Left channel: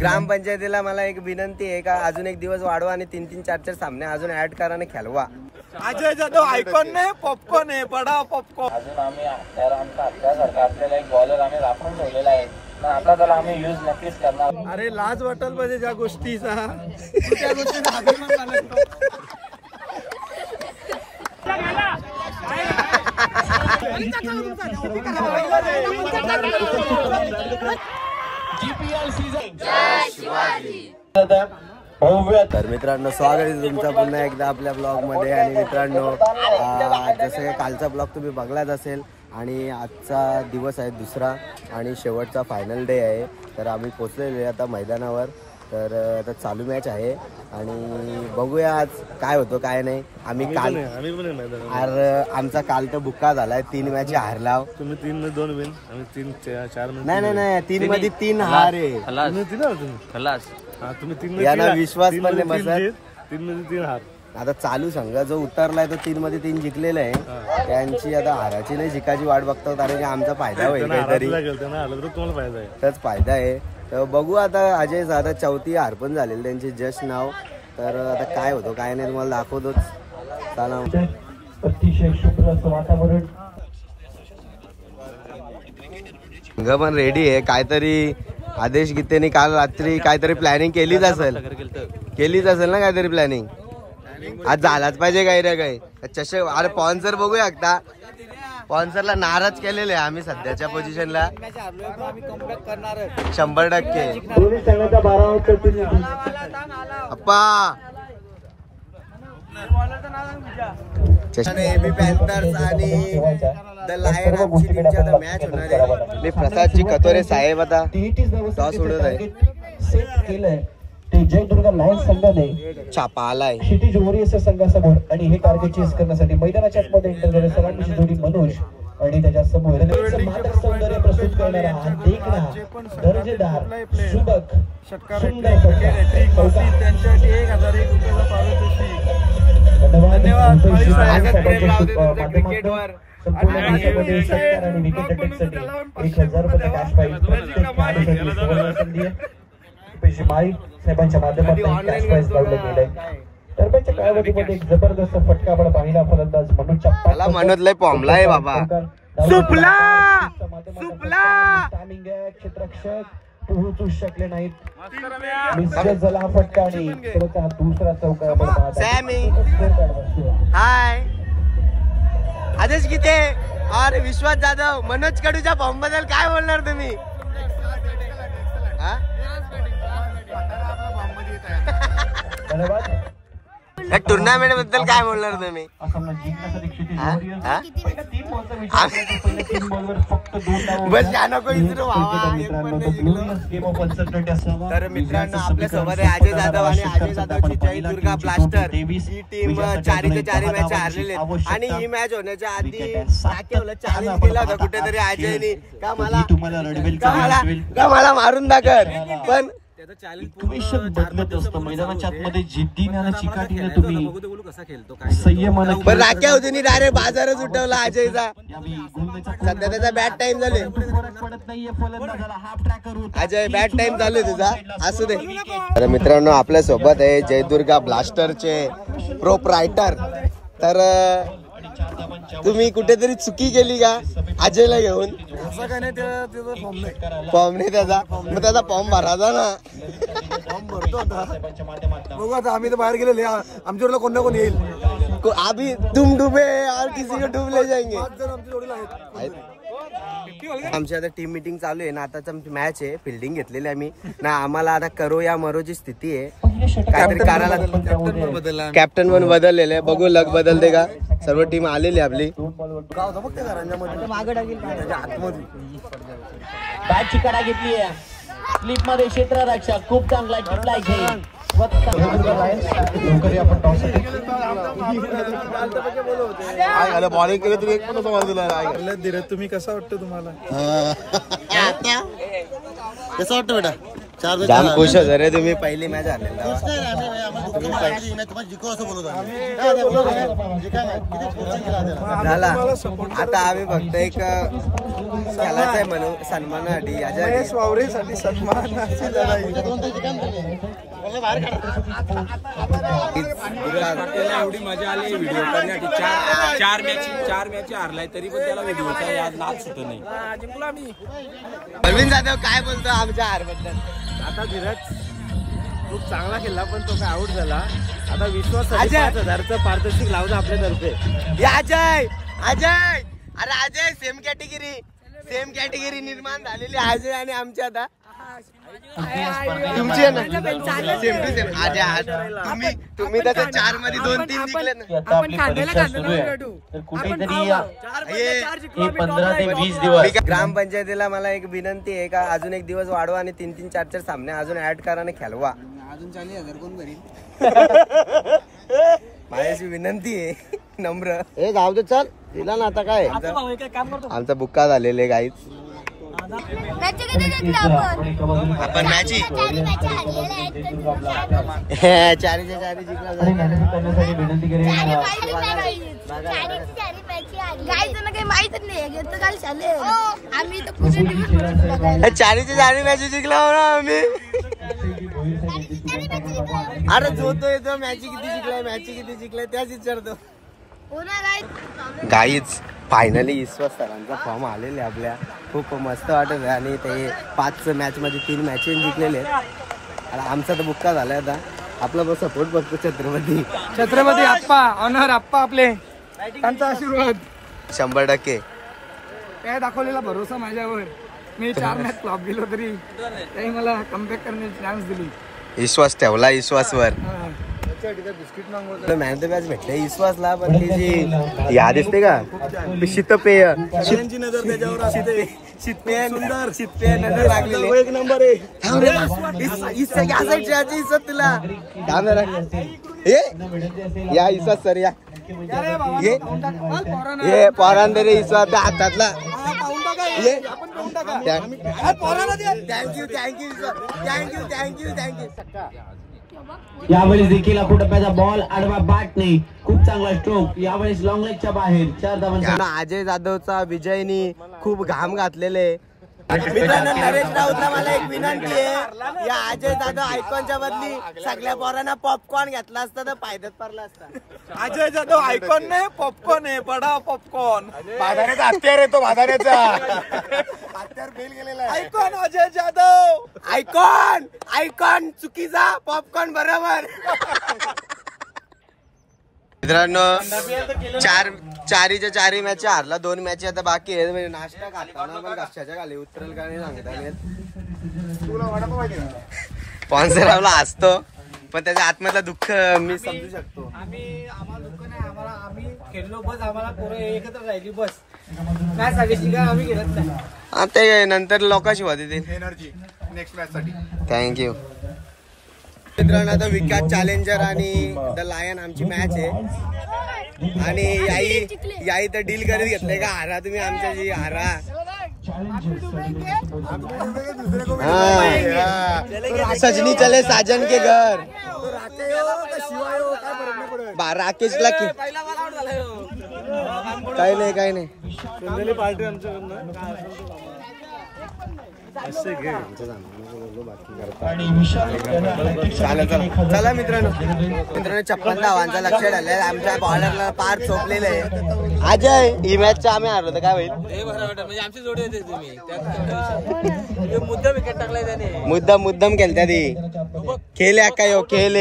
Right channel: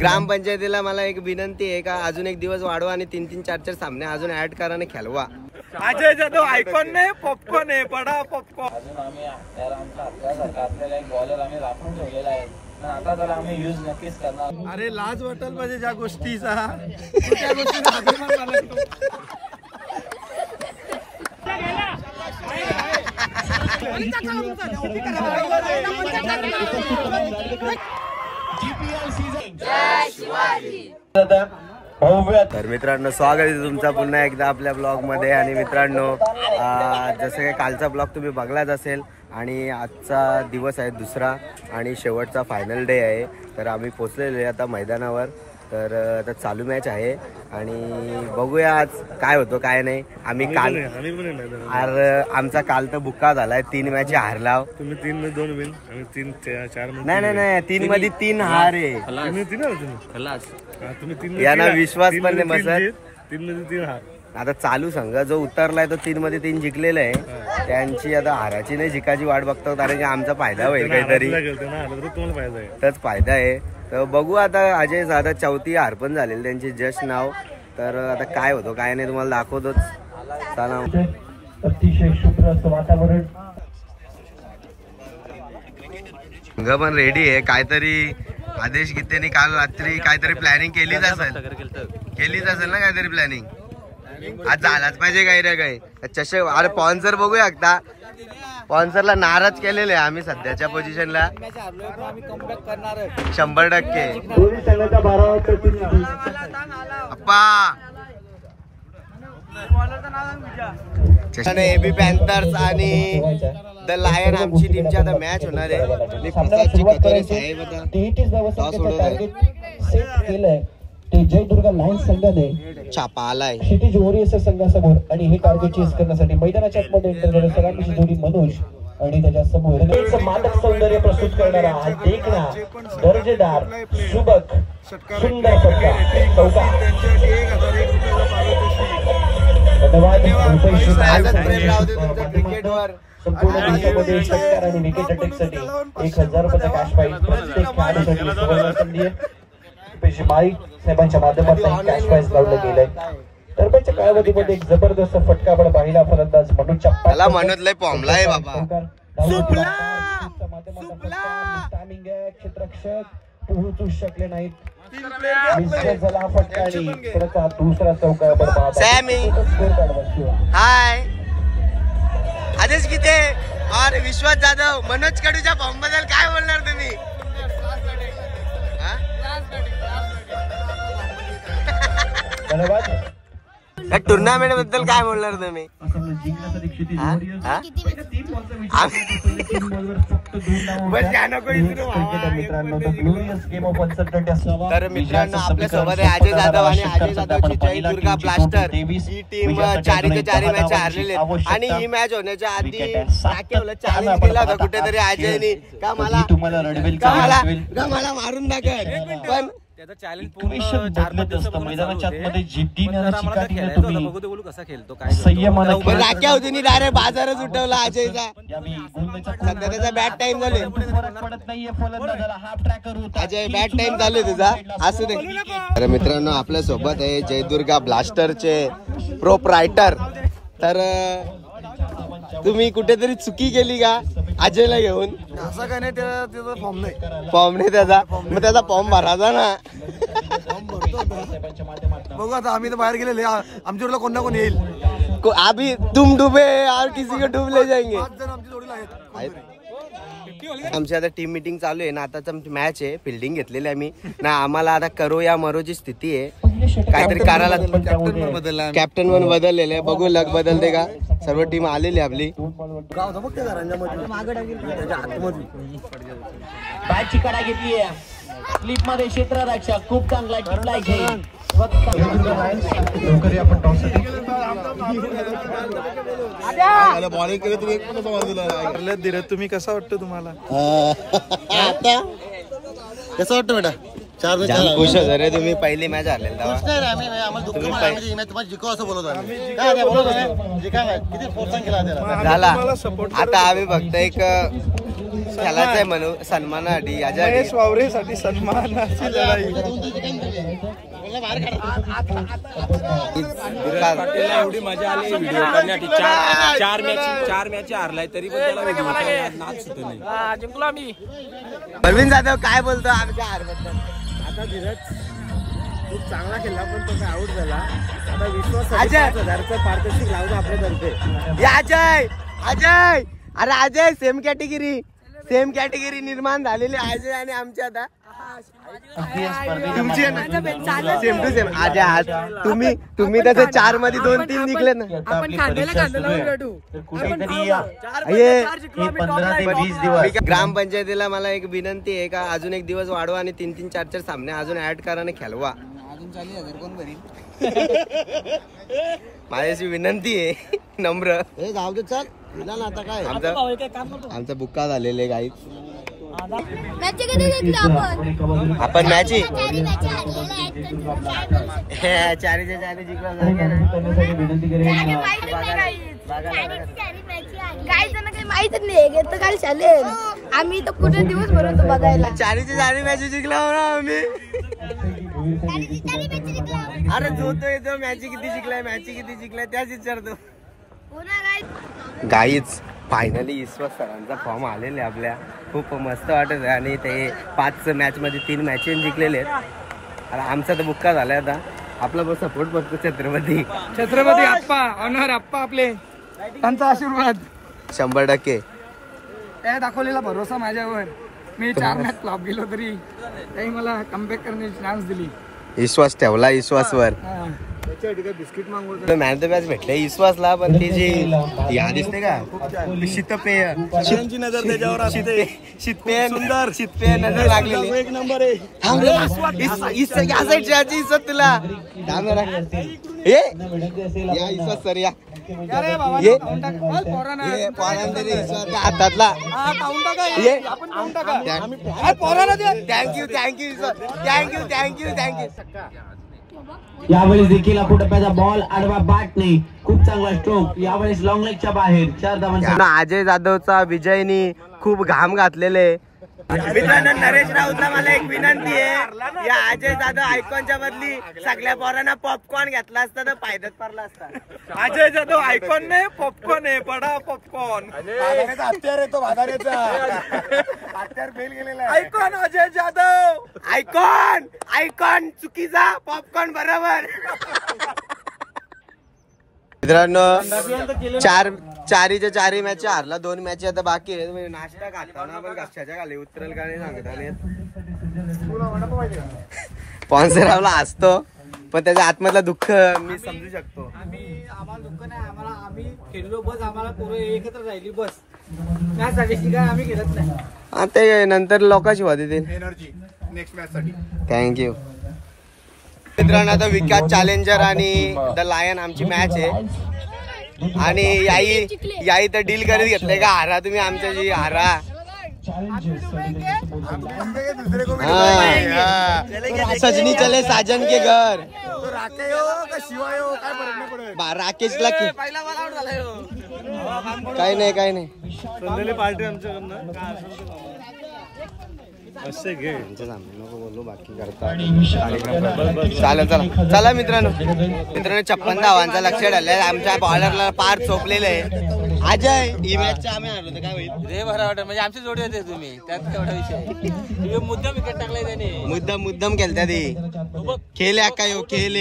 ग्रामपंचायतीला मला एक विनंती आहे का अजून एक दिवस वाढवा आणि 3-3, 4-4 सामने अजून ऍड करा आणि खेळवा. अजय जाधव आयकॉन नाही, पॉपकॉर्न आहे, बडा पॉपकॉर्न. अजून आम्ही आमचा आपल्यासारखा आपल्याला एक बॉलर आम्ही राखून ठेवलेला आहे, आता तर आम्ही यूज नक्कीच करणार. अरे लाज वाटेल पाहिजे ज्या गोष्टीचा, त्या गोष्टीचा अभिमान मानतो. तर मित्रांनो स्वागत आहे तुमचं पुन्हा एकदा आपल्या ब्लॉग मध्ये. आणि मित्रांनो जसं काही कालचा ब्लॉग तुम्ही बघलाच असेल आणि आजचा दिवस आहे दुसरा आणि शेवटचा फायनल डे आहे. तर आम्ही पोचलेलो आहे आता मैदानावर. तर आता चालू मॅच आहे आणि बघूया आज काय होतं काय नाही. आम्ही काल आमचा काल तर बुक्का झालाय, 3 मॅच हारला. तुम्ही 3 मध्ये 2 विन, आम्ही 3-4 नाही 3 मध्ये 3 हार आहे. यांना विश्वास पण नाही बसत. 3 मध्ये 3 हार. आता चालू संघ जो उतरलाय तो 3 मध्ये 3 जिंकलेला आहे. त्यांची आता हाराची नाही जिकाची वाट बघतो, कारण की आमचा फायदा होईल काहीतरी, त्याच फायदा आहे. तर बघू आता. अजय आता 4थी हार पण झालेली त्यांची जस्ट नाव. तर आता काय होतो काय नाही तुम्हाला दाखवतोच. चला अतिशय शुभ्र असं वातावरण. संघ पण रेडी आहे. काहीतरी आदेश गीतेने काल रात्री काहीतरी प्लॅनिंग केलीच असेल ना, काहीतरी प्लॅनिंग आज झालाच पाहिजे काही रे काही. चषक अरे स्पॉन्सर बघूया एकदा. स्पॉन्सरला नाराज केलेले आहे आम्ही सध्याच्या पोझिशनला 100%. अप्पा एबी पॅन्थर्स आणि द लायन आमची टीमची आता मॅच होणार आहे. आणि प्रसादजी कतोरे साहेब आता टॉस उडत आहे. ते जयदुर्गा लायन्स संघाने छापा आलाय क्षितिज वॉरियर्स संघासमोर आणि हे टार्गेट चेस करण्यासाठी मैदानाच्या आतमध्ये एंटर झाले. सगळ्यांची जोडी मनोज आणि त्याच्या समोर मादक सौंदर्य प्रस्तुत करणारा दर्जेदार सुबक त्यांच्यासाठी 1001 रुपयाचा पारितोषिक. धन्यवाद. प्रेम राहू दे तुमच्या क्रिकेटवर. आणि विकेट टेकसाठी 1000 रुपये कॅश प्राइज माईक साहेबांच्या माध्यमातून कॅश प्राइज लावलं गेलंय. दरम्यानच्या कालावधीमध्ये एक जबरदस्त फटका पण पाहिला फलंदाज मनोजच्या त्याला म्हणत लय पॉमलाय बाबा. सुपला क्षेत्ररक्षक पोहोचू शकले नाहीत. झाला फटका आणि दुसरा चौका. सॅमी हाय. आदेश गीते और विश्वास जाधव, मनोज कडूच्या फॉर्म बद्दल काय बोलणार तुम्ही? या टुर्नामेंट बद्दल काय बोलणार तुम्ही? तर मित्रांनो आपल्या सोबत आहे अजय जाधव आणि अजय जाधवची जयदुर्गा ब्लास्टर ही टीम 4-4 मॅच हारलेली आहे. आणि ही मॅच होण्याच्या आधी चॅलेंज केला होता कुठेतरी अजयनी का मला मारून दाखल. पण राख्या होती डायरेक्ट बाजारच उठवला अजयचा. सध्या त्याचा बॅट टाइम झाले. अजय बॅट टाइम झाले तुझा, असू दे. तर मित्रांनो आपल्या सोबत आहे जयदुर्गा ब्लास्टरचे प्रोप्रायटर. तर तुम्ही कुठेतरी चुकी केली का अजयला घेऊन? असं काय नाही, फॉर्म नाही त्याचा. मग त्याचा फॉर्म भरायचा ना. बघू आता आम्ही तर बाहेर गेलेले, आमच्यावरला कोण ना कोण येईल. अभी तुम डुबे और किसी को डूब ले जाएंगे. आमची आता टीम मीटिंग चालू आहे ना. आताच मॅच आहे, फिल्डिंग घेतलेली आम्ही ना. आम्हाला आता करो या मरोची स्थिती आहे. काहीतरी करायला कॅप्टन पण बदललेलं आहे. बघू लक बदलते का. सर्व टीम आलेली आपली. बॅटची कडा घेतली आहे स्लिप मध्ये क्षेत्ररक्षक खूप चांगला टिपला घेईल. बॉलिंग केलं तुम्ही तुम्ही कसं वाटतं तुम्हाला? कसं वाटतं बेटा? जाम खुश होतो रे तुम्ही पहिली मॅच आले झाला आता आम्ही फक्त एक खेळायचं आहे म्हणून सन्मानासाठी याच्यासाठी वावरेसाठी सन्मानाची लढाई एवढी मजा आली व्हिडिओ करण्यासाठी चार मॅच हारलाय तरी पण त्याला व्हिडिओचा नाच सुटत नाही. जिंकलो आम्ही. परवीन जाधव काय बोलतो आमच्या हारबद्दल? आता धीरज खूप चांगला खेळला पण तो काय आउट झाला. आता विश्वास 5,000चं पारितोषिक लावलं आपल्यातर्फे. अजय अजय अरे अजय सेम कॅटेगरी निर्माण झालेली अजय आणि आमची आता तुमची आहे ना सेम टू सेम अजय आज तुम्ही त्याचं 4 मध्ये 2-3 जिंकले ना. आपण खांद्याला लढू. ग्रामपंचायतीला मला एक विनंती आहे का अजून एक दिवस वाढवा आणि 3-3, 4-4 सामने अजून ऍड करा आणि खेळवा. अजून 40,000 कोण भरील? माझ्याशी विनंती आहे नम्र. हे गाव दे चल दिला ना आता काय आमचा बुक्का झालेले गाईत आपण मॅच चारीच्या चारी जिंकला माहित नाही काल चालेल आम्ही तर पूर्ण दिवस भरतो बघायला. चारीच्या चारी मॅच जिंकला आम्ही. अरे जो तो येतो मॅच किती जिंकलाय त्याच विचारतो. गाईच फायनली ईश्वर सरांचा फॉर्म आलेले आपल्या खूप मस्त वाटत आहे आणि ते 5 मॅच मध्ये 3 मॅचेस जिंकलेले आहेत. आणि आमचा तर बुक्का झालाय आता. आपला बस सपोर्ट बघतो छत्रपती आप्पा ऑनर आप्पा आपले त्यांचा आशीर्वाद 100%. त्या दाखवलेला भरोसा माझ्यावर. मी 4 मॅच फ्लॉप गेलो तरी त्यांनी मला कमबॅक करण्याची चान्स दिली. विश्वास ठेवला विश्वासवर. बिस्किट मागवतो मॅन द मॅच भेटले विश्वासला पण ती जी याद दिसते का शीतपेय नजर त्याच्यावर असते. शीतपेय नजर लागलेली एक नंबर आहे. या साईडची इज्जत तुला या इज्जत सर या ये पोरांदरे इज्जत हातातला थँक्यू. यावेळेस देखील टप्प्याचा बॉल आडवा बॅट नाही. खूप चांगला स्ट्रोक. यावेळेस लॉंग लेगच्या बाहेर 4 धावांचा. अजय जाधवचा विजयनी खूप घाम घातलेले. मित्रांनो नरेश राऊतला मला एक विनंती आहे या अजय जाधव आयकॉनच्या बदली सगळ्या पोरांना पॉपकॉर्न घेतला असता तर फायद्यात पडला असता. अजय जाधव आयकॉन नाही पॉपकॉर्न आहे. बडा पॉपकॉर्न हत्यार येतो भादाऱ्याचा हत्यार फेल गेलेला आयकॉन अजय जाधव आयकॉन चुकीचा पॉपकॉर्न बरोबर. मित्रांनो चारीच्या 4 मॅच हारला. 2 मॅच आता बाकी आहेत. म्हणजे नाश्ता खाताना पण कशाच्या खाली उतरेल का नाही सांगता नाही. स्पॉन्सर असतो पण त्याच्या आत्मधलं दुःख मी समजू शकतो. आम्हाला दुःख नाही. आम्ही खेळलो बस. आम्हाला पोरं एकत्र राहिली बस. काय साडेशी काय आम्ही खेळत नाही. ते नंतर लोकांशी होते एनर्जी नेक्स्ट मॅच साठी. थँक्यू. मित्रांनो आता विकास चॅलेंजर आणि द लायन आमची मॅच आहे आणि याई तर डील करत घेतलंय का हारा तुम्ही आमच्याशी हारा. सजनी चले साजन के घर. राकेशला काही नाही पार्टी आमच्याकडनं चला मित्रांनो 56 धावांचा लक्ष ठेवलाय. आमच्या बॉलरला पार चोपलेलं आहे. अजय ही मॅचच्या आम्ही हारलो तर काय होईल? म्हणजे आमची जोडी येते तुम्ही त्यात मुद्दाम विकेट टाकलाय त्याने. मुद्दाम केलता ती खेळ काय खेळ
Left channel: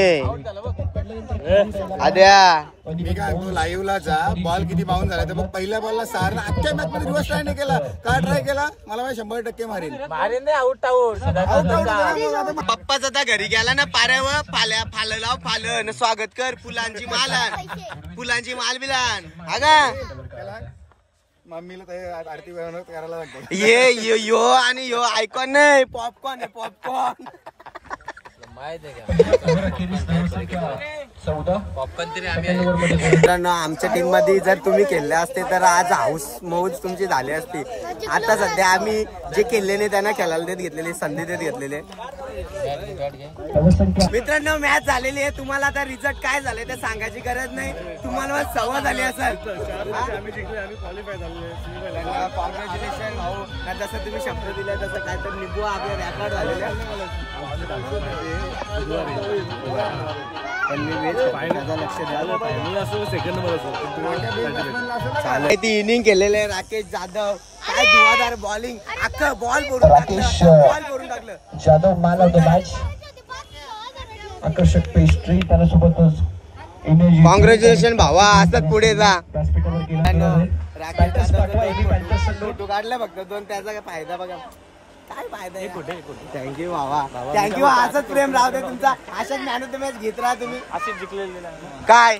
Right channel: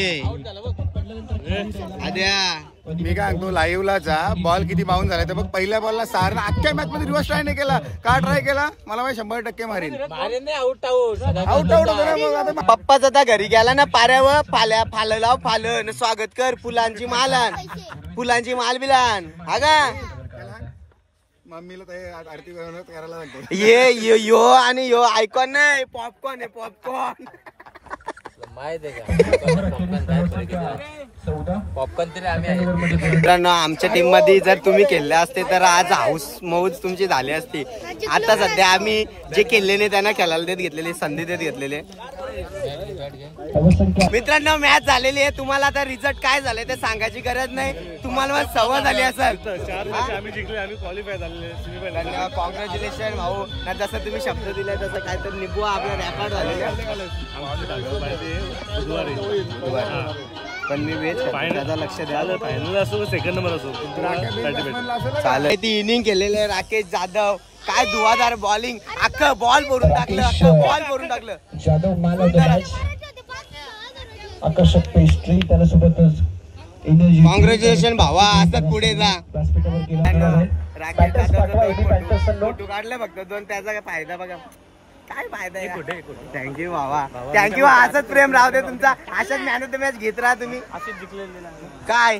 आद्या. मी काय तो लाईव्हला जा बॉल किती बाउंड झाला तर मग पहिल्या बॉलला सारला. अख्ख्या मॅच मध्ये रिव्हर्स ट्राय नाही केला. का ट्राय केला मला माहिती 100% मारेल. पप्पाच आता घरी गेला ना पाऱ्यावर फालन स्वागत कर फुलांची माल बिलान हा का मम्मीला आरती करायला लागतो. यो आणि यो आयकॉन नाही पॉपकॉर्न आहे पॉपकॉर्न. मित्रांनो आमच्या टीम मध्ये जर तुम्ही खेळले असते तर आज हाऊस मौज तुमची झाली असती. आता सध्या आम्ही जे खेळले नाही त्यांना खेळायला देत घेतलेले संधी देत घेतलेले. मित्रांनो मॅच झालेली आहे. तुम्हाला आता रिझल्ट काय झाले ते सांगायची गरज नाही. तुम्हाला सवय झाली असेल. कॉंग्रॅच्युलेशन भाऊ. जसं तुम्ही शब्द दिलाय तसं काय तर निभू आपल्या रेकॉर्ड झालेला. पण मी वेट त्याचा लक्ष द्यायला सेकंड नंबर असो चालेल. ती इनिंग केलेले राकेश जाधव. काय धुवाधार बॉलिंग. अख्खं बॉल भरून टाकलं. बॉल भरून टाकलं. Jadhav man of the match. आकर्षक पेस्ट्री त्याच्यासोबतच एनर्जी. कॉंग्रॅच्युलेशन भावा. असंच पुढे जा. व्यासपीठावर राकेश जाधवचा फोटो काढला फक्त 2. त्याचा काय फायदा बघा. काय फायदा आहे. थँक्यू भावा. थँक्यू. असंच प्रेम राहू दे तुमचा. अशाच मॅन ऑफ द मॅच घेत राहा तुम्ही. काय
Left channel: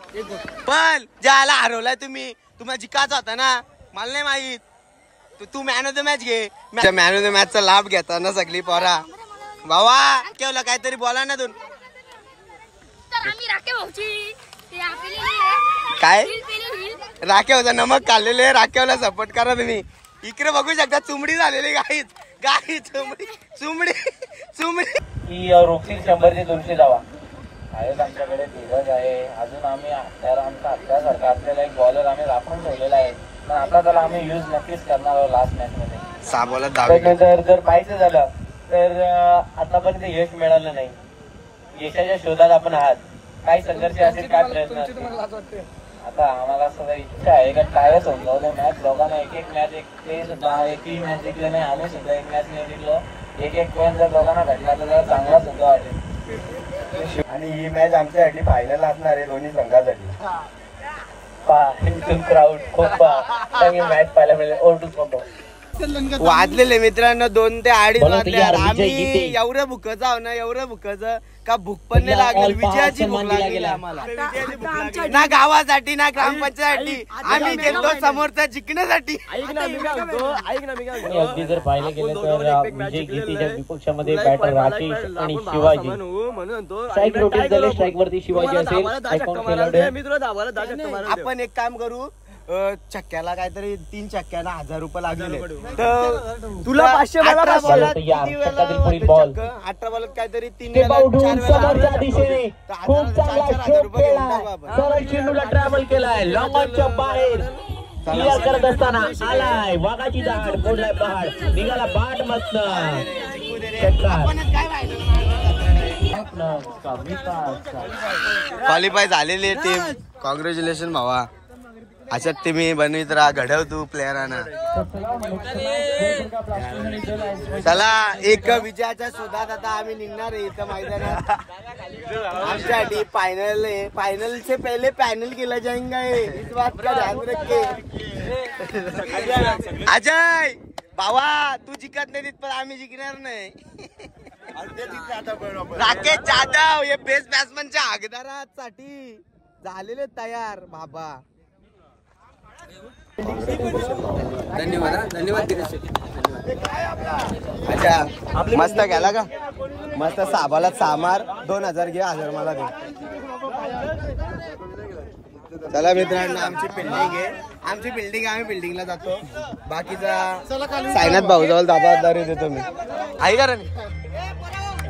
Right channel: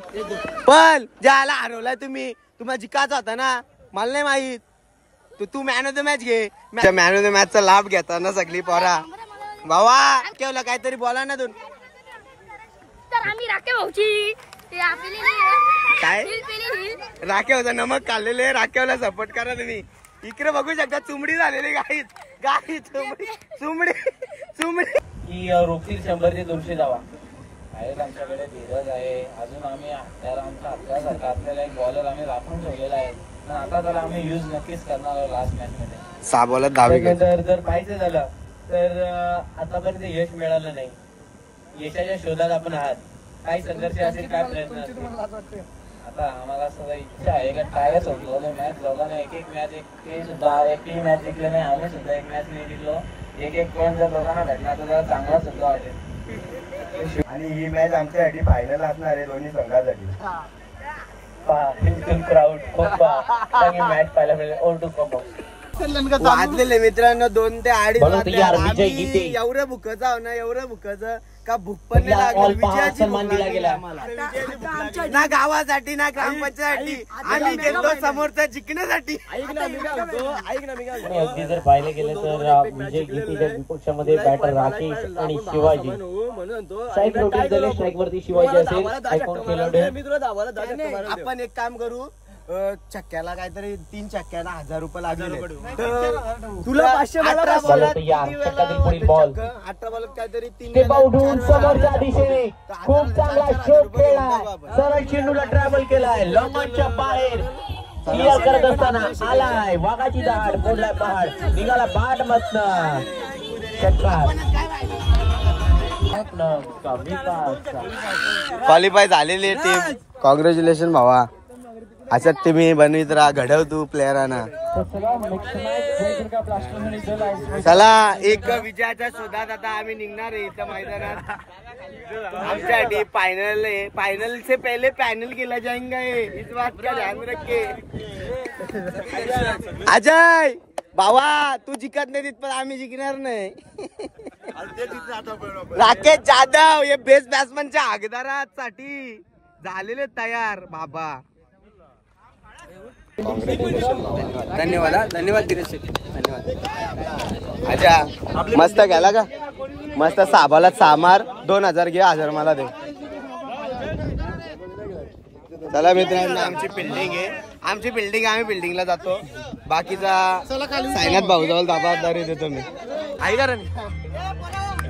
पण ज्याला हरवलाय तुम्ही. तुम्हाला जिकायचा होता ना. मला नाही माहित. तू मॅन ऑफ द मॅच घे. मॅन ऑफ द मॅचचा लाभ घेता ना सगळी पोरा. भावा केवलं काहीतरी बोला ना. दोन काय राखेवचा नमक खाल्लेले. राखेवला सपोर्ट करा तुम्ही. इकडे बघू शकता चुमडी झालेली गाई. चुमडी की रोखील 100 ते 200 जावा आहे. आमच्याकडे धीरज आहे. अजून आम्ही त्याला आमचा आपल्यासारखा आपल्याला एक बॉलर आम्ही राखून ठेवलेला आहे. पण आता तर आम्ही यूज नक्कीच करणार आहोत लास्ट मॅच मध्ये. 6 बॉलात 10 विकेट. जर पाहायचं झालं तर आतापर्यंत यश मिळालं नाही. यशाच्या शोधात आपण आहात. काही संघर्ष असेल काय प्रयत्न असतील. आता आम्हाला असं इच्छा आहे का टायच होऊन जाऊ दे मॅच. लोकांना एक मॅच ते सुद्धा एकही मॅच जिंकलं नाही. आम्ही सुद्धा एक मॅच नाही जिंकलो. एक पॉईंट जर लोकांना भेटला तर जरा चांगला सुद्धा वाटेल. आणि ही मॅच आमच्यासाठी फायनल असणार आहे दोन्ही संघासाठी. मॅच पाहायला मिळेल. ओरडू फुटो वाजलेले मित्रांनो 2 ते 2:30 वाजले. आम्ही एवढं भुकच आहो ना. एवढं भुकच का भूक पण नाही लागली. विजयाची भूक लागली आम्हाला. ना गावासाठी ना ग्रामपंचायतीसाठी. आम्ही गेलो समोरचा जिंकण्यासाठी. अगदी जर पाहिलं गेलं तर विजय गीतेच्या विपक्षामध्ये बॅटर राकेश आणि शिवाजी. स्ट्राईक रोटेट झाले. स्ट्राईक वरती शिवाजी असेल. आपण एक काम करू. चक्क्याला काहीतरी 3 चक्क्याला 1000 रुपये लागले. तर तुला 500 मला 18 बॉलात काहीतरी 3 खूप चांगला शॉट खेळला. सरळ चेंडूला ट्रॅव्हल केलाय. लॉंगच्या बाहेर क्लिअर करत असताना आलाय वाघाची दाढ. मोडलाय पहाड. निघाला बाट मस्त. क्वालिफाय झालेली टीम. कॉंग्रॅच्युलेशन भावा. अशात तुम्ही बनवीत राहा. घडव तू प्लेयरांना. चला एक विजयाच्या शोधात आता आम्ही निघणार आहे इथं मैदानात. आमच्यासाठी फाइनल है. फाइनल से पहले पैनल खेला जाएगा. इस बात का ध्यान रखे. अजय भावा तू जिंकत नाही पण आम्ही जिंकणार नाही. राकेश जाधव हे बेस्ट बॅट्समनच्या हकदारासाठी झालेले तयार बाबा. धन्यवाद. धन्यवाद धीरज शेठ. धन्यवाद. अच्छा मस्त गेला का. मस्त 6 बॉलात 6 मार. 2000 घे. 1000 मला दे. चला मित्रांनो आमची बिल्डिंग आहे. आमची बिल्डिंग आम्ही बिल्डिंगला जातो. बाकीचा सायनाथ भाऊ जवळ जबाबदारी देतो मी. आहे का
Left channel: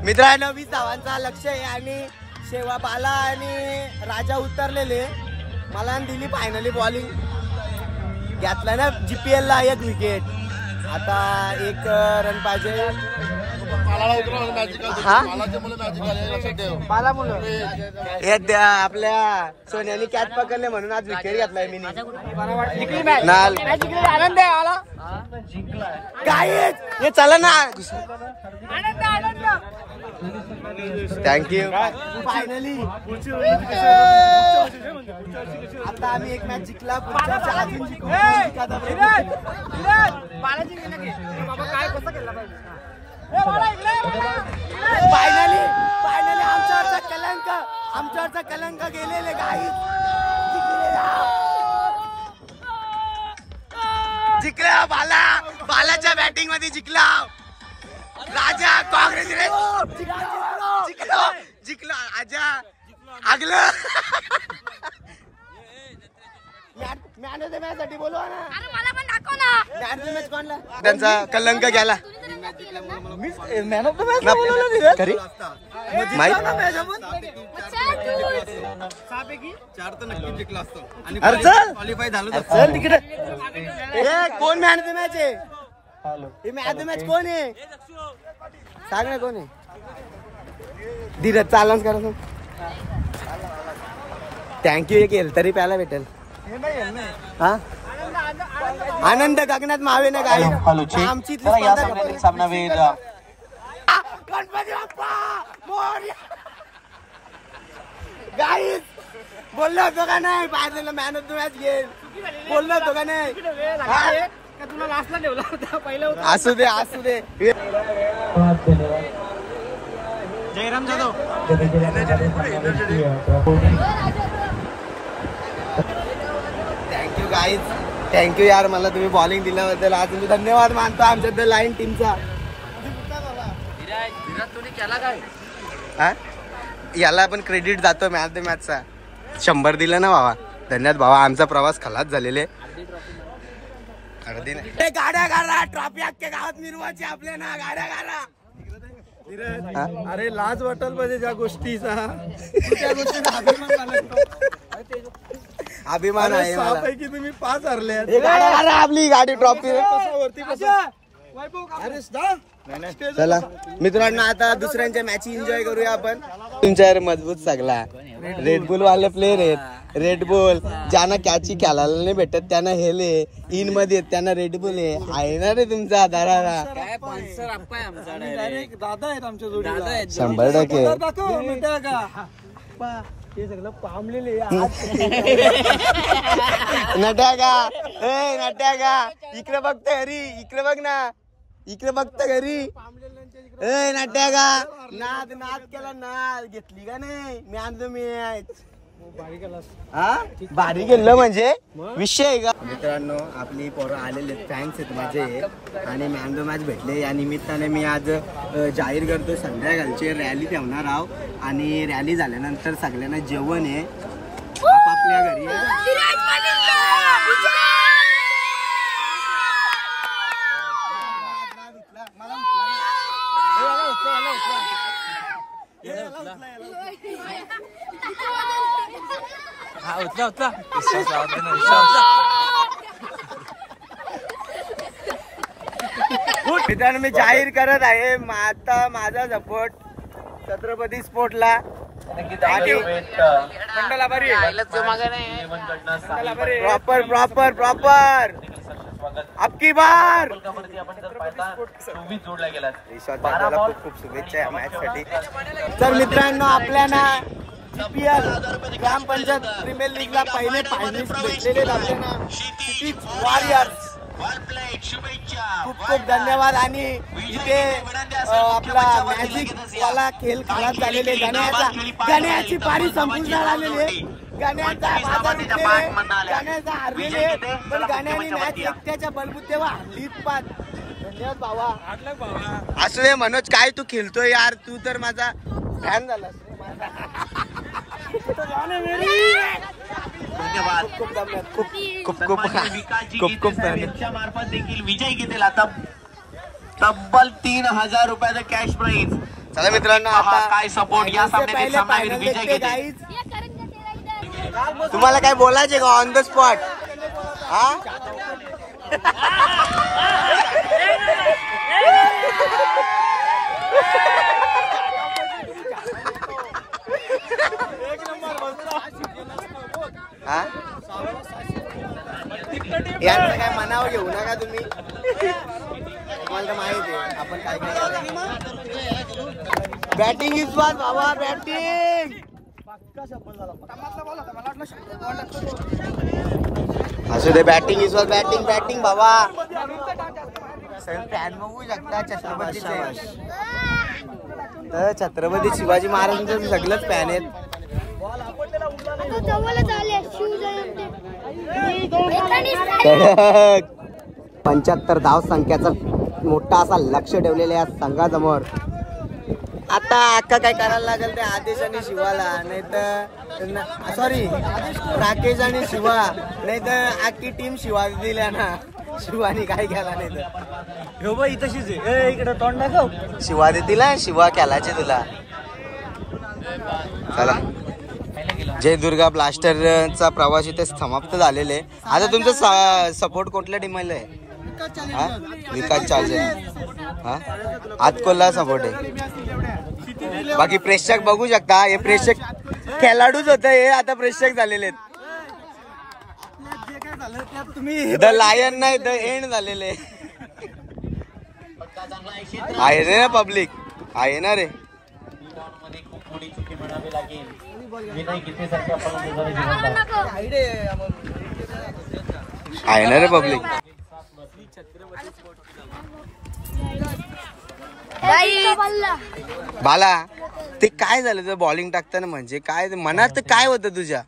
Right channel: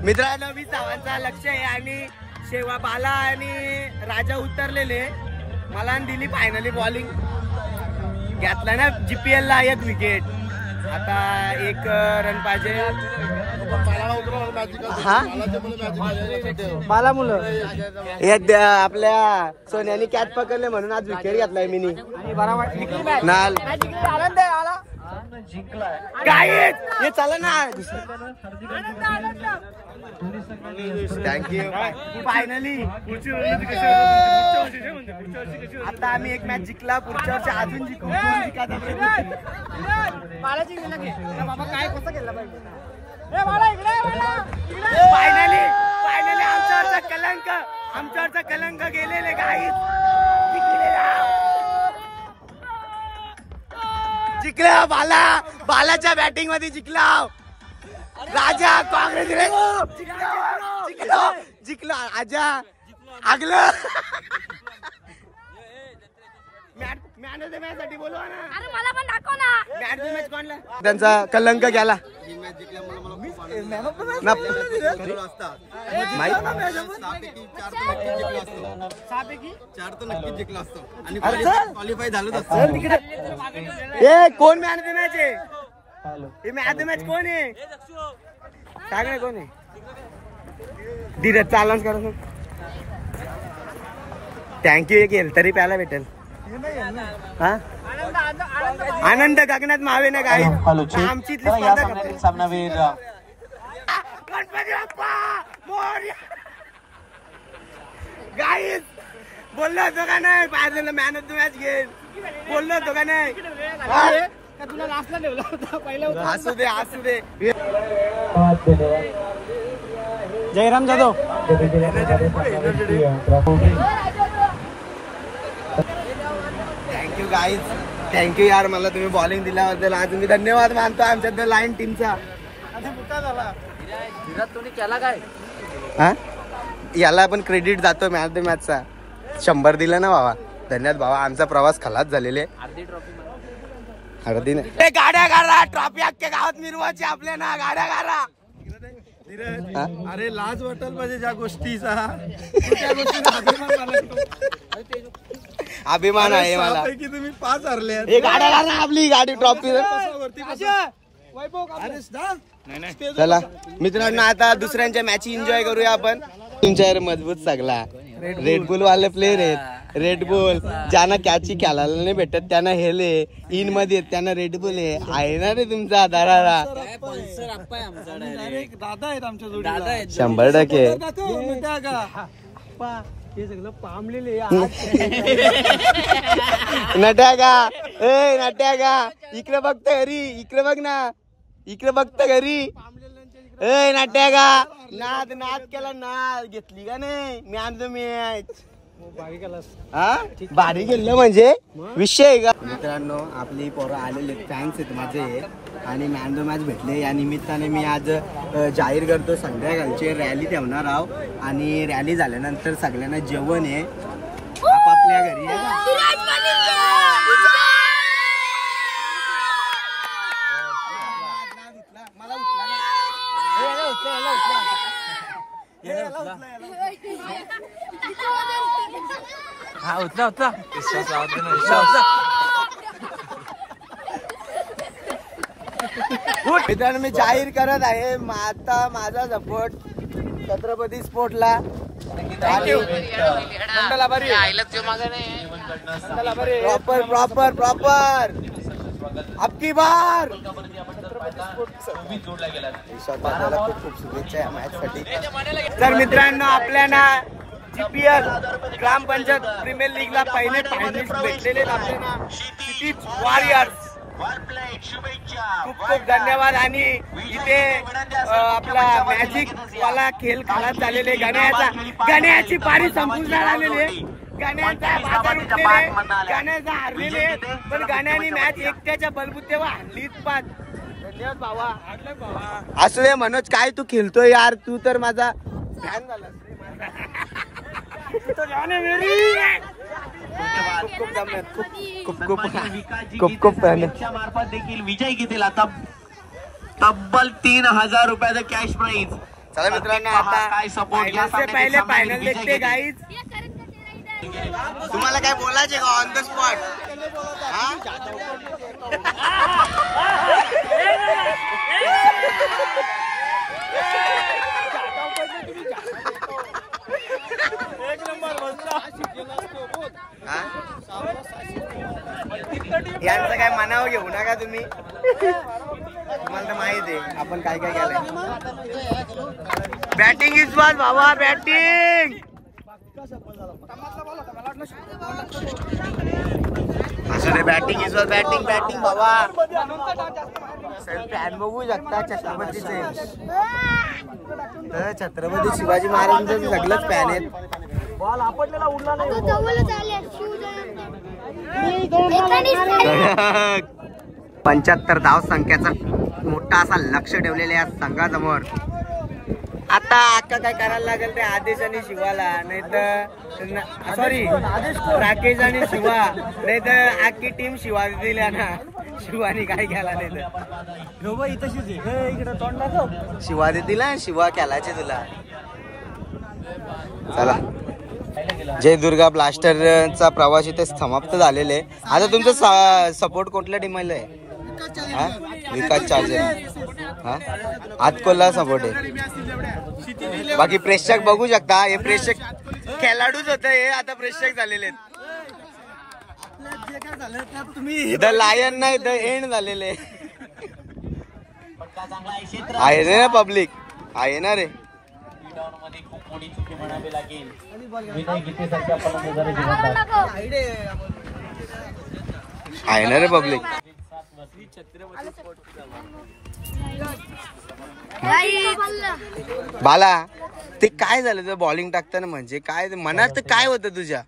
मित्रांनो. 20 धावांचा लक्ष आहे आणि शेवा बाला आणि राजा उतरलेले. मला दिली फायनली बॉलिंग. घेतला ना GPL ला 1 विकेट. आता 1 रन पाहिजे. हा मला मुलं आपल्या सोन्याने कॅच पकडले म्हणून आज विकेट घेतलाय मी. नाल काय चला ना. थँक्यू. फायनली आता आम्ही 1 मॅच जिंकला. पुढच्या वर्षी अजून जिंकू. फायनली आमच्यावरचा कलंक गेलेले गाईत जिंकला. बालाच्या बॅटिंग मध्ये जिंकला. राजा काँग्रेस जिंकलो. आजा आगलं. मॅन ऑफ द मॅच साठी बोलवा ना. अरे मला पण दाखव ना. मॅन ऑफ द मॅच कोणला? त्यांचा कलंक गेला. मॅन ऑफ द मॅच माहित 4 तर नक्कीच जिंकला असतो आणि क्वालिफाय झालं असतं. कोण मॅन ऑफ द मॅच आहे? हे मॅन ऑफ द मॅच कोण आहे? सांग ना कोण आहे? धीरज चालच करा. थँक्यू. एक येईल तरी प्यायला भेटेल. हा आनंद गगनात मावे ना गाई. आमची सामनावीर गणपती बाप्पा मोरया. गाईस बोललो होतो का नाही बाजूला मॅन ऑफ द मॅच घेईल? बोललो होतो का नाही? तुला लास्टला ठेवला होता पहिला. असू दे असू दे. Jairam Jadhav. Thank you guys. Thank you यार मला तुम्ही बॉलिंग दिल्याबद्दल. आज मी धन्यवाद मानतो आमच्या द लाईन टीमचा. याला पण क्रेडिट जातो मॅच द मॅचचा. 100 दिलं ना बाबा. धन्यवाद बाबा. आमचा प्रवास खलास झालेले. अर्धी नाही. गाड्या गाडा ट्रॉफी अख्ख्या गावात मिरवायची आपल्या ना. गाड्या गाडा. अरे लाज वाटेल पाहिजे ज्या गोष्टीचा. अभिमान आहे मला. पैकी तुम्ही 5 हरले. गाड्या गाडा आपली गाडी ट्रॉफी. चला मित्रांनो आता दुसऱ्यांच्या मॅच एन्जॉय करूया आपण. तुमच्यावर मजबूत सगळा रेडबुल वाले प्लेयर आहेत. रेडबुल ज्यांना कॅची खेळायला नाही भेटत त्यांना हेले इन मध्ये त्यांना रेडबुल आहे ना रे तुमचा दारारा. दादा आहेत आमच्या जोडी. 100% नट्या का. ए नट्या का इकडे बघत घरी. इकडे बघ ना. इकडे बघत घरी. ए नट्या का नाद नाद केला. नाद घेतली का नाही? मी आणतो मॅच. हा भारी गेलं म्हणजे विषय आहे का? मित्रांनो आपली पोरं आलेले फॅन्स आहेत माझे आणि मॅन द मॅच भेटले. या निमित्ताने मी आज जाहीर करतो संध्याकाळची रॅली ठेवणार आहोत आणि रॅली झाल्यानंतर सगळ्यांना जेवण आहे आपापल्या घरी. मित्रांनो मी जाहीर करत आहे आता माझा सपोर्ट छत्रपती स्पोर्टला आणि प्रॉपर प्रॉपर प्रॉपर अबकी बार ईश्वर खूप खूप शुभेच्छा या मॅच साठी. तर मित्रांनो आपल्याला GPL ग्रामपंचायत प्रीमियर लीगला पहिले फायनलिस्ट भेटलेले आहेत आपल्याला सिटी वॉरियर्स. खूप खूप धन्यवाद. आणि इथे आपला मॅजिक वाला खेळ खालात झालेले. गाण्याची पारी संपूर्ण आलेली आहे. गाण्याचा बाजार उठलेले. गाण्याचा हारलेले पण गाण्याने मॅच एकट्याच्या बलबुतेवर हल्लीच पाच. धन्यवाद भावा. असू दे मनोज काय तू खेळतोय यार. तू तर माझा फॅन झालास रे माझा. खूप खूप धन्यवाद. खूप खूप खूप खूप खूप मार्फत देखील विजय घेतील आता तब्बल 3000 रुपयाचं कॅश प्राइज. चला मित्रांनो आता पहिले फायनल देखते गाईज. तुम्हाला काय बोलायचे का ऑन द स्पॉट? हा यांचं काय मनावर घेऊ नका तुम्ही. तुम्हाला तर माहित आहे आपण काय काय केलंय. बॅटिंग इज बॉल बाबा. बॅटिंग असू दे. Batting is ball. Batting batting बाबा. सगळे फॅन बघू शकता छत्रपतीचे. तर छत्रपती शिवाजी महाराजांचं सगळंच फॅन आहेत. 75 धाव संख्याचा मोठा असा लक्ष ठेवलेला या संघासमोर. आता अक्का काय करायला लागेल ते आदेश आणि शिवाला, नाही तर सॉरी राकेश आणि शिवा, नाही तर अख्खी टीम शिवा दिल्या ना. शिवानी काय केला नाही तर शिवा देतील शिवा केलाचे तुला. चला जय दुर्गा ब्लास्टरचा प्रवास इथे समाप्त झालेले. आता तुमचं सपोर्ट कुठल्या टीमला आहे? विकास चार्जर हा आतकोला सपोर्ट आहे. बाकी प्रेक्षक बघू शकता, हे प्रेक्षक खेळाडूच होत, हे आता प्रेक्षक झालेले आहेत. द लायन नाही द एंड झालेले आहे रे. पब्लिक आहे ना रे. आहे ना रे पब्लिक. बाला ते काय झालं तुझं बॉलिंग टाकताना, म्हणजे काय मनात काय होतं तुझ्या?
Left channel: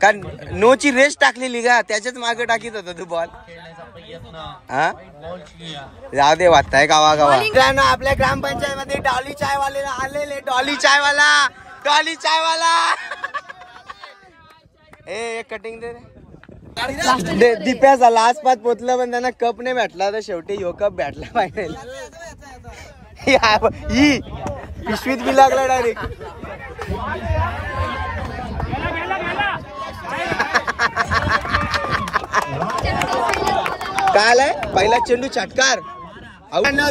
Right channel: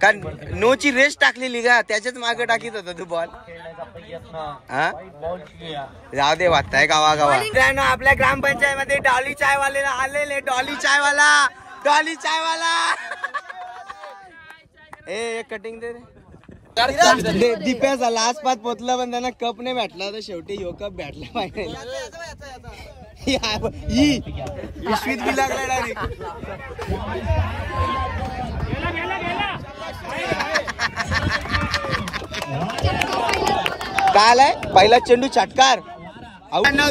कारण नोची रेस टाकलेली का, त्याच्याच मागे टाकीत होता तू बॉल. हा जाऊ दे, वाटताय गावा गावा. आपल्या ग्रामपंचायत मध्ये डॉली चायवाले आलेले. डॉली चायवाला, डॉली चायवाला. ए कटिंग दे रे. दिप्याचा लास्ट पात पोचलं पण त्यांना कप नाही भेटला, तर शेवटी यो कप भेटला फायनल. पिशवीत बी लागला डायरेक्ट. काय आलाय पहिला चेंडू चटकार.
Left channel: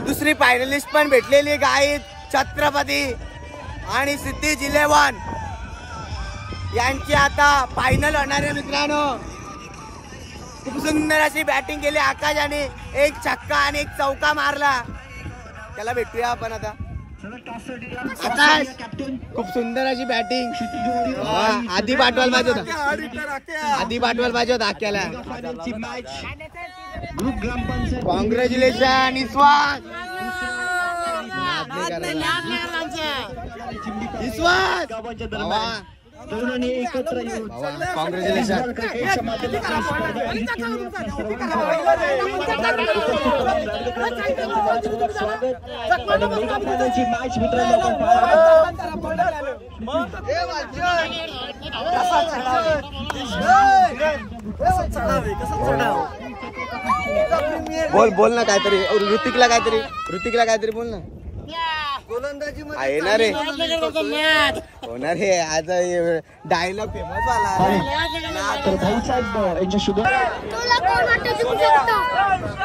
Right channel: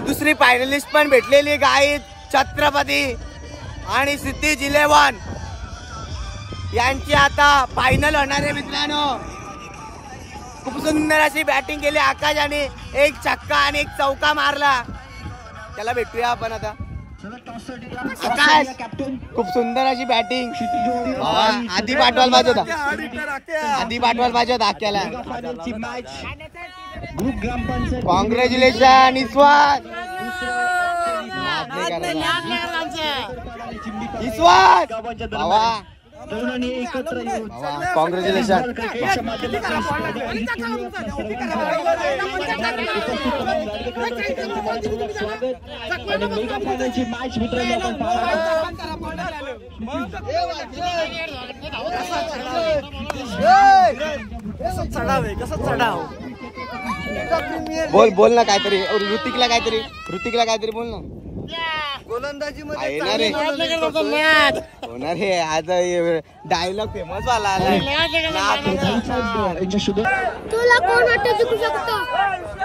दुसरी फायनलिस्ट पण भेटलेली गाईत छत्रपती आणि सिद्धीज 11 यांची आता फायनल होणार आहे मित्रांनो. खूप सुंदर अशी बॅटिंग केली आकाशाने, एक छक्का आणि एक चौका मारला. त्याला भेटूया आपण आता. आकाश खूप सुंदर अशी बॅटिंग. आधी पाठवायला पाहिजे होता, आधी पाठवायला पाहिजे होता आक्याला. कॉंग्रॅच्युलेशन इस्वात. इस्वात कॉंग्रॅच्युलेशन. बोल बोल ना काहीतरी. ऋतिकला काहीतरी बोल ना. आहे ना रे, होणार रे. आता डायलॉग फेमस झाला.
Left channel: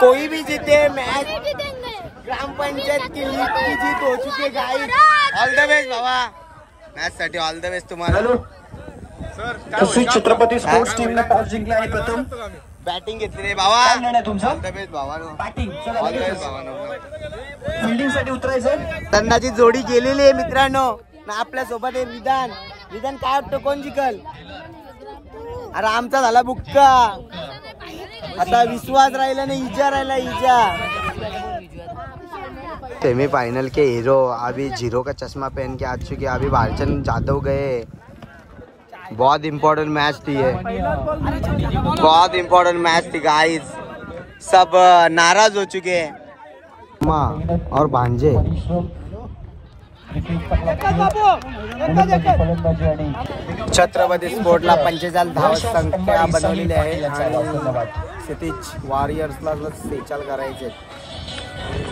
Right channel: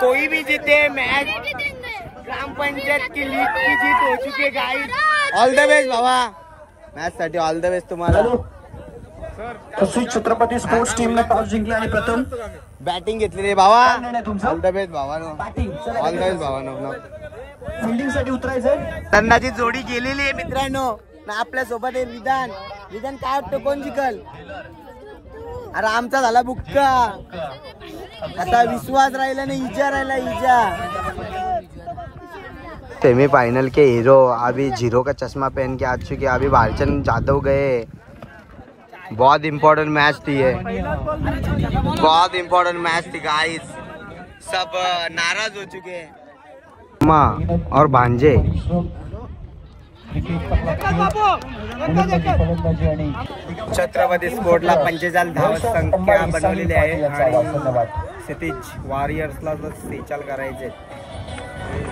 कोई भी जीते मैच, ग्राम पंचायत की लीग की जीत हो चुकी है गाइस. ऑल द बेस्ट बाबा, मॅच साठी ऑल द बेस्ट तुम्हाला. छत्रपती स्पोर्ट्स टीम ने टॉस जिंकला आहे. प्रथम बॅटिंग घेतली रे बाबा. ऑल द बेस्ट बाबा. फिल्डिंग साठी उतरायचं. तंदाची जोडी गेलेली आहे मित्रांनो. आपल्या सोबत आहे विधान. विधान काय वाटतं कोण जिंकल? अरे आमचा झाला बुक्का. आता विश्वास राहिला नाही, इजा राहिला. इजा सेमीफाइनल के हीरो अभी 0 का चश्मा पहन के आ चुके. अभी भालचंद जादव गए. बहुत इम्पोर्टेंट मैच थी ये, बहुत इम्पोर्टेंट मैच थी गाइस. सब नाराज हो चुके हैं माँ और भांजे. छत्रपती स्पोर्टला 45 धाव संख्या बनवलेली आहे आणि क्षितिज वॉरियर्सला 46 करायचे.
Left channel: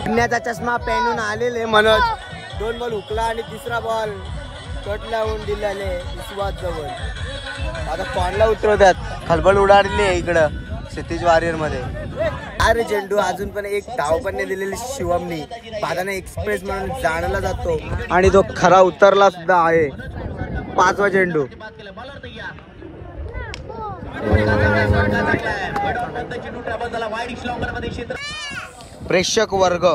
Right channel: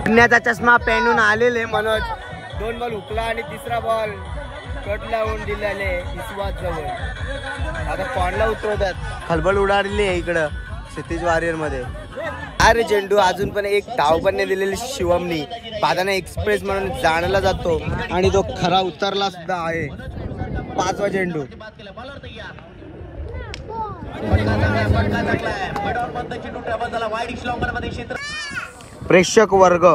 पुण्याचा चष्मा पहनून आलेले मनोज 2 बॉल हुकला आणि तिसरा बॉल कट लावून दिलेले इस्वात जवळ. आता कॉनला उतरवतात. खलबल उडालेली आहे इकडं क्षितिज वॉरियर मध्ये. अरे चेंडू अजून पण एक धाव पण नाही दिलेली शिवमनी. बादाना एक्सप्रेस म्हणून जाणला जातो आणि तो खरा उतरला सुद्धा आहे. 5वा चेंडू. प्रेक्षक वर्ग,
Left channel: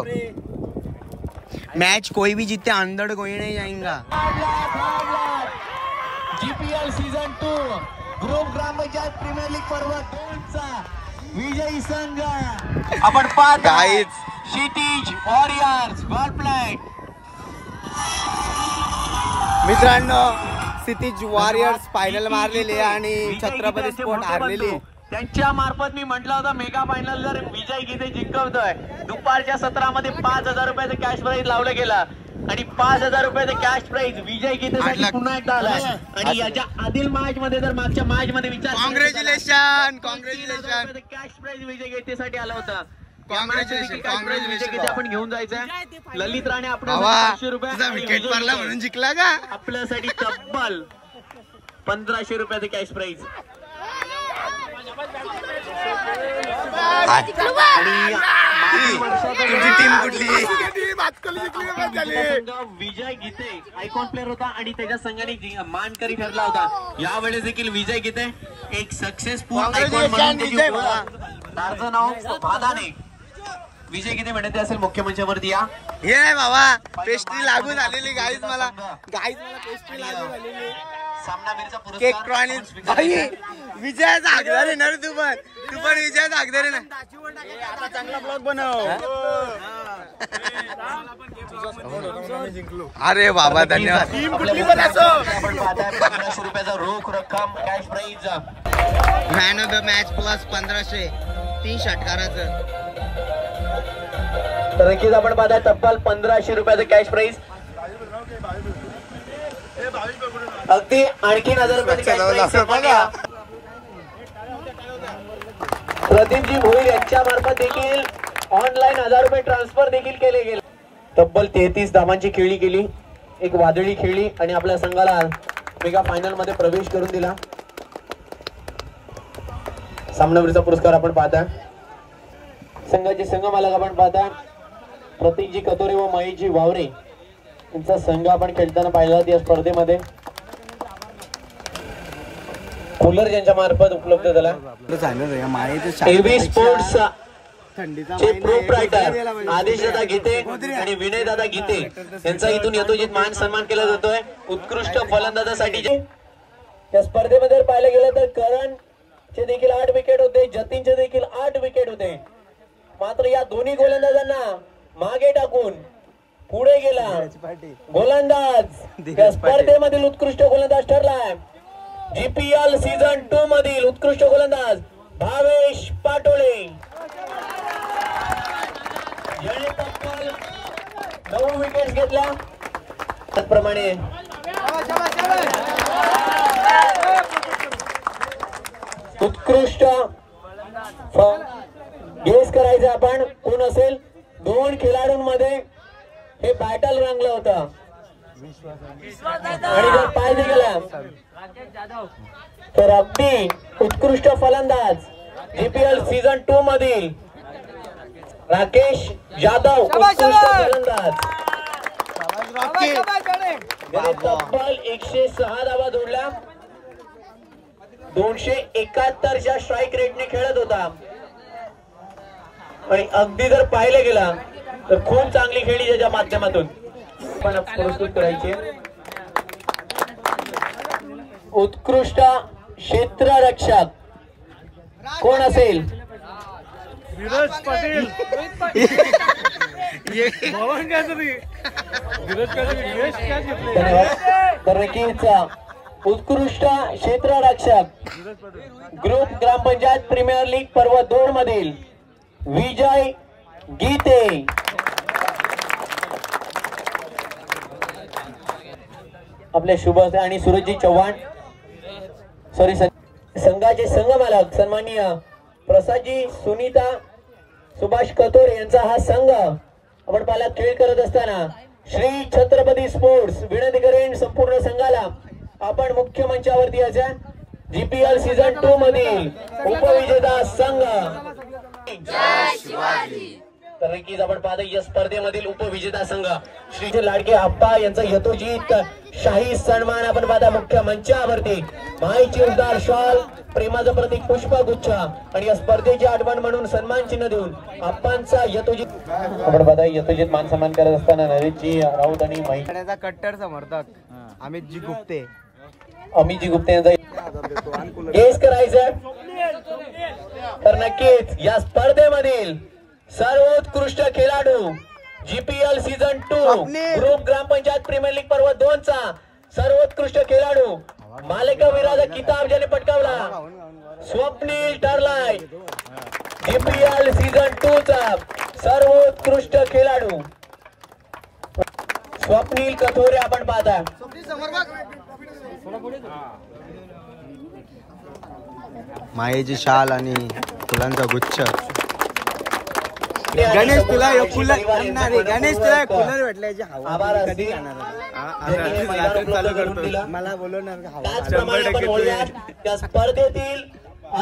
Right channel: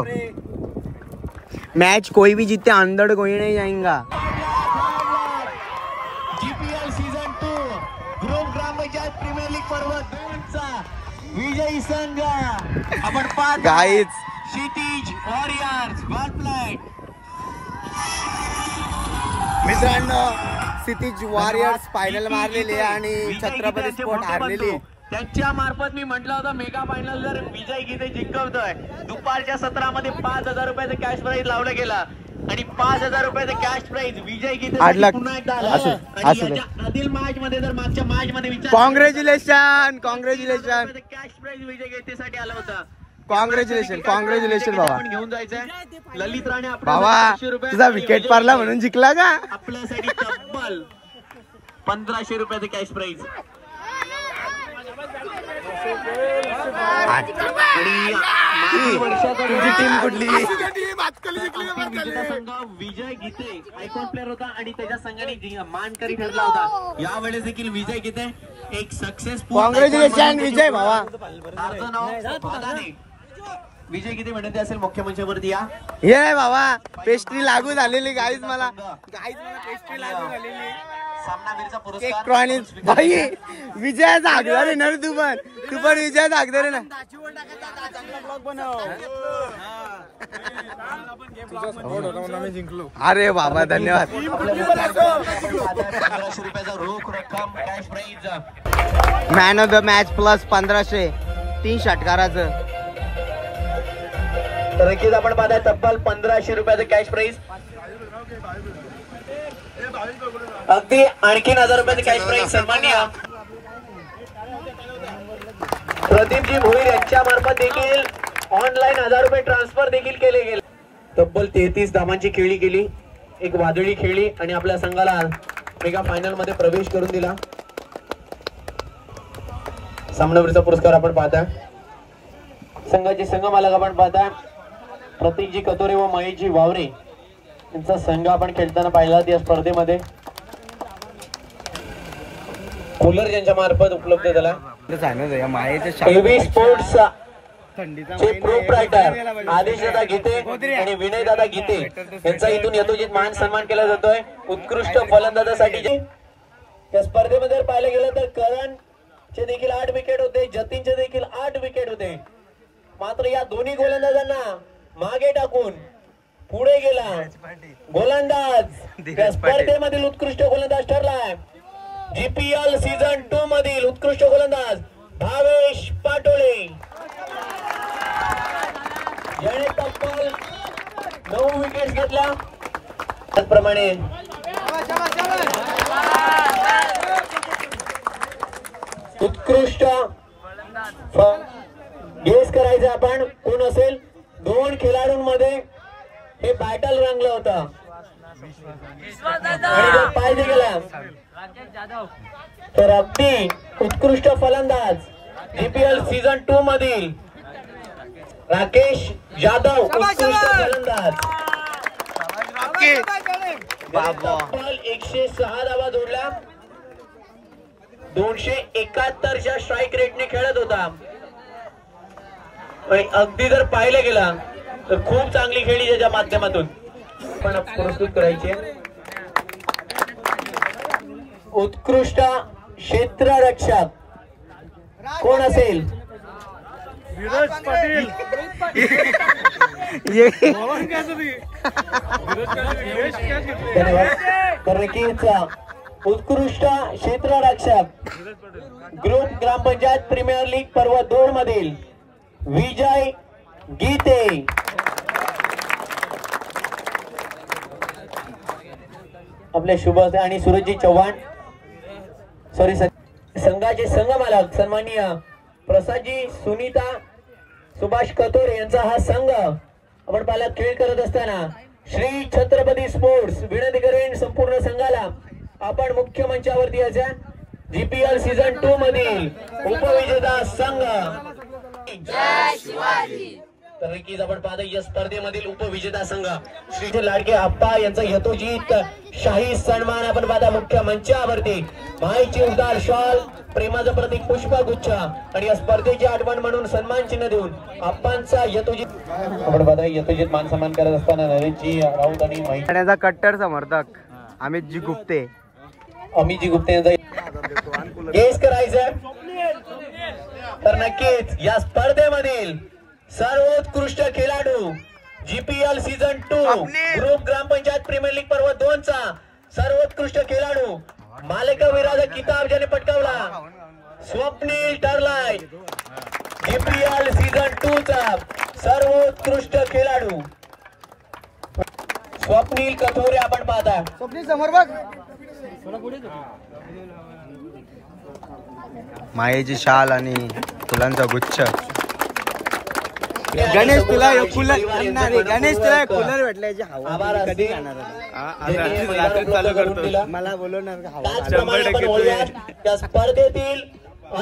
मैच कोई भी जीते अंदर कोई नहीं जाएगा. जीपीएल सीझन 2 ग्रुप ग्रामपंचायत प्रीमियर लीग पर्व विजयी संघ आपण पाहत गाईज क्षितिज वॉरियर्स गॉलप्लाइट. मित्रांनो क्षितिज वॉरियर्स फायनल मारलेली आहे आणि छत्रपती स्पोर्ट हारलेली आहे. त्यांच्या मार्फत मी म्हटलं होतं मेगा फायनल जर विजय गीते जिंकवतोय. दुपारच्या सत्रामध्ये 5,000 रुपयाचं कॅश प्राईज लावलं गेलं आणि 5,000 रुपयाचं कॅश प्राईज विजय गीते पुन्हा एकदा आलं. आणि याच्या आधील मॅच मध्ये जर मागच्या मॅच मध्ये विचार कॉंग्रॅच्युलेशन कॅश प्राईज विजय गीतेसाठी आला होता. कॉंग्रॅच्युलेशन आपण घेऊन जायचंय. ललित राणे बाबा तुझा विकेट पारला म्हणून जिंकला का? आपल्यासाठी तब्बल 1,500 रुपयाचं कॅश प्राईज. तुमची टीम कुठली? विजय गीते आयकॉन प्लेअर होता आणि त्याच्या संघाने मानकरी ठरला होता. यावेळेस देखील विजय गीते एक सक्सेसफुल विजय भावा. विजय गीते म्हणते असेल मुख्य मंचावरती या. हे बाबा पेस्ट्री लागू झालेली गाईज मला पेस्ट्री लागू झालेली. सामनावीरचा केक पुरस्कार विजयाचा हकदार आहे ना रे तू पण विजयाचा हकदार आहे ना. अरे बाबा धन्यवाद. 1,500 रुपयाचा रोख रक्कम cash prize. Man of the match plus 1,500 3 षटकाराचं. नक्कीच आपण पाहता तब्बल 1,500 रुपयाचं कॅश प्राईज. अगदी आणखीन 1,000 रुपयाचं कॅश प्राईज सन्माननीय प्रदीपजी भोईर यांच्या मार्फत देखील ऑनलाईन 1,000 रुपये ट्रान्सफर देखील केले गेले. तब्बल 33 धावांची खेळी केली, एक वादळी खेळली आणि आपल्या संघाला मेगा फायनल मध्ये प्रवेश करून दिला. सामनावीरचा पुरस्कार आपण पाहता. संघाचे संघमालक आपण पाहता प्रतीकजी कतोरे व महेशजी वावरे यांचा संघ आपण खेळताना पाहिला या स्पर्धेमध्ये. कूलर ज्यांच्या मार्फत उपलब्ध झाला. थंडीचा आदेशदादा गीते आणि विनयदादा गीते यांचा इथून यथोचित मान सन्मान केला जातोय उत्कृष्ट फलंदाजासाठी. या स्पर्धेमध्ये जर पाहिलं गेलं तर करणचे देखील 8 विकेट होते, जतीनचे देखील 8 विकेट होते. मात्र या दोन्ही गोलंदाजांना मागे टाकून पुढे गेला गोलंदाज या स्पर्धेमधील उत्कृष्ट गोलंदाज ठरलाय. जीपीएल सीझन 2 मधील उत्कृष्ट गोलंदाज भावेश पाटोळे ज्याने तब्बल 9 विकेट घेतला. त्याचप्रमाणे उत्कृष्ट गेस करायचं आपण कोण असेल. 2 खेळाडूंमध्ये हे बॅटल रंगलं होतं आणि जर पाहिजे गेला तर अगदी उत्कृष्ट फलंदाज जीपीएल सीझन 2 मधील राकेश जाधव उत्कृष्ट फलंदाज तब्बल 106 धावा जोडला. 271च्या स्ट्राईक रेटने खेळत होता आणि अगदी जर पाहिलं गेला तर खूप चांगली खेळी त्याच्या माध्यमातून प्रस्तुत करायची. उत्कृष्ट क्षेत्ररक्षक कोण असेल. उत्कृष्ट क्षेत्ररक्षक ग्रुप ग्रामपंचायत प्रीमियर लीग पर्व 2 मधील विजय गीते. आपले शुभ आणि सूरजजी चव्हाण संघाचे संघमालक सन्माननीय प्रसादजी सुनीता सुभाष कतोरे यांचा हा संघ आपण पाहिला खेळ करत असताना श्री छत्रपती स्पोर्ट्स विनंती करेन संपूर्ण संघाला आपण मुख्य मंचावरती यायचं. जीपीएल सीझन 2 मधील उपविजेता संघ तर नक्कीच आपण पाहतो या स्पर्धेमधील उपविजेता संघ श्री लाडके आप्पा यांचा यथोचित शाही सन्मान आपण पाहता मुख्य मंचावरती. माईची उद्गार शॉल प्रेमाचं प्रतीक पुष्पगुच्छ आणि या स्पर्धेची आठवण म्हणून सन्मान चिन्ह देऊन आप्पांचा यथोचित आपण पाहता यथोचित मान सन्मान करत असताना नरेशजी राऊत आणि माईचा कट्टर समर्थक अमितजी गुप्ते यांचा गेस करायचं तर नक्कीच या स्पर्धेमधील सर्वोत्कृष्ट खेळाडू जीपीएल सीझन 2 ग्रुप ग्रामपंचायत प्रीमियर लीग पर्व 2 चा सर्वोत्कृष्ट खेळाडू मालिकावीराचा किताब ज्याने पटकावला स्वप्नील ठरलाय DPL सीझन 2 चा सर्वोत्कृष्ट खेळाडू स्वप्नील कथोरे आपण पाहता. मायेची शाल आणि फुलांचा गुच्छ. गणेश तुला गणेश तुला कूलर भेटल्याची आभार कधी असतील. जाणार मला बोलवणार का हवा? त्याचप्रमाणे आपण बोलूया त्या स्पर्धेतील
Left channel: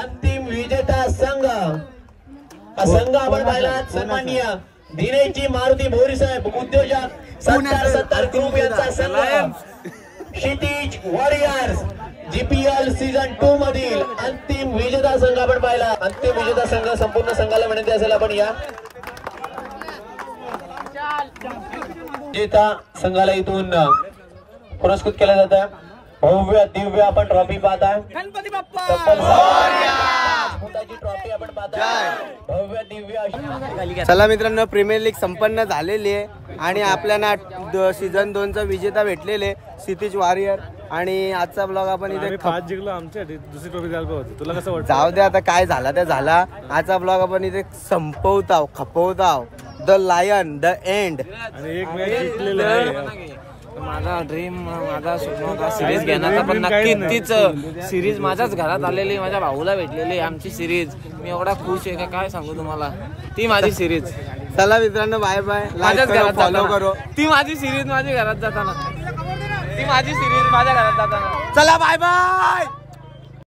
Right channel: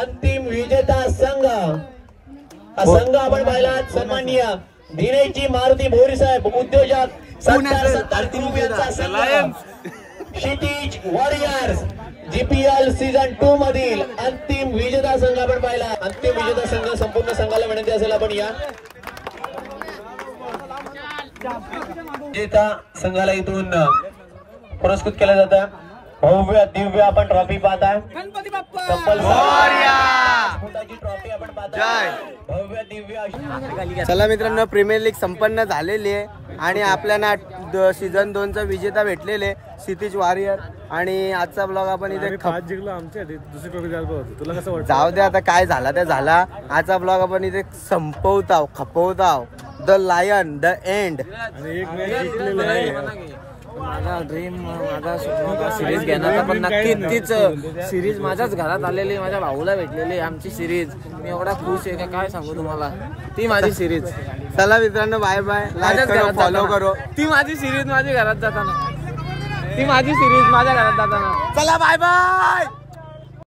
अंतिम विजेता संघ हा संघ आपण पाहिला सन्माननीय धीरेजी मारुती भोरी साहेब उद्योजक 70 ग्रुप यांचा संघ क्षितिज वॉरियर्स GPL सीझन 2 मधील अंतिम विजेता संघ आपण पाहिला. अंतिम विजेता संघ संपूर्ण संघाला विनंती असेल आपण या विजेता संघाला इथून पुरस्कृत केलं जातं. भव्य दिव्य आपण ट्रॉफी पाहता. गणपती बाप्पा ट्रॉफी आपण पाहता. भव्य दिव्य. चला मित्रांनो, प्रीमियर लीग संपन्न झालेली आहे आणि आपल्याला सीझन 2 चा विजेता भेटलेले क्षितिज वॉरियर. आणि आजचा ब्लॉग आपण इथे जिंकलो आमच्यासाठी दुसरी ट्रॉफी द्यायला होती. तुला कसं वाटतं? जाऊ दे आता, काय झाला ते झाला. आजचा ब्लॉग आपण इथे संपवताव खपवताव. The lion the end. आणि एक मॅच जिंकलेलं आहे. माझा ड्रीम माझा स्वप्न होता सिरीज घेण्याचा, पण नक्की तीच सिरीज माझ्याच घरात आलेली, माझ्या भाऊला भेटलेली आमची सिरीज. मी एवढा खुश आहे का काय सांगू तुम्हाला. ती माझी सिरीज. चला मित्रांनो, बाय बाय. लाईक करो, फॉलो करो. ती माझी सिरीज माझ्या घरात जाताना, ती माझी सिरीज माझ्या घरात जाताना. चला बाय बाय.